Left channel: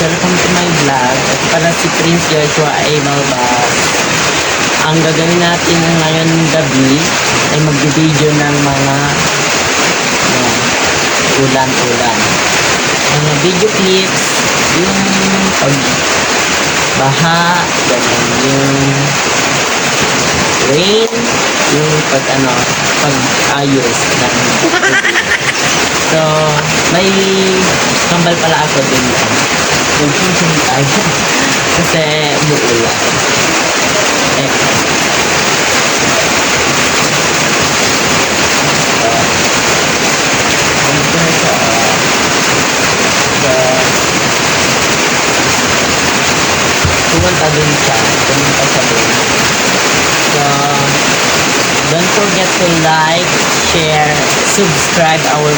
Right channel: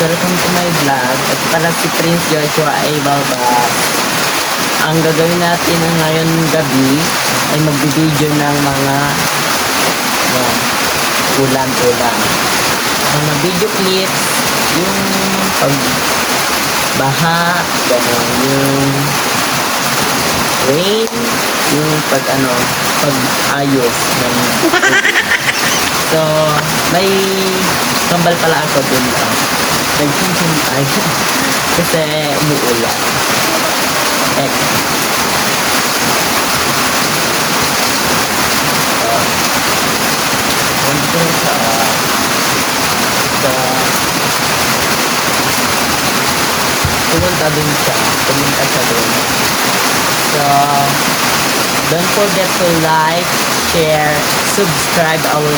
welcome to my vlog. At pala si Prince Joshua ay Balbas. Ang gagawin natin ngayong gabi ay mag-video ng mga kulang-kulang. Ang video clips, yung pagbaha, yung rain, yung pag-ayos ng so, may kambal pala ako dito. Nag-function tayo. Kasi umuulan. Eh. Kumanta din siya. Kumanta siya din. So, don't forget to like, share, subscribe our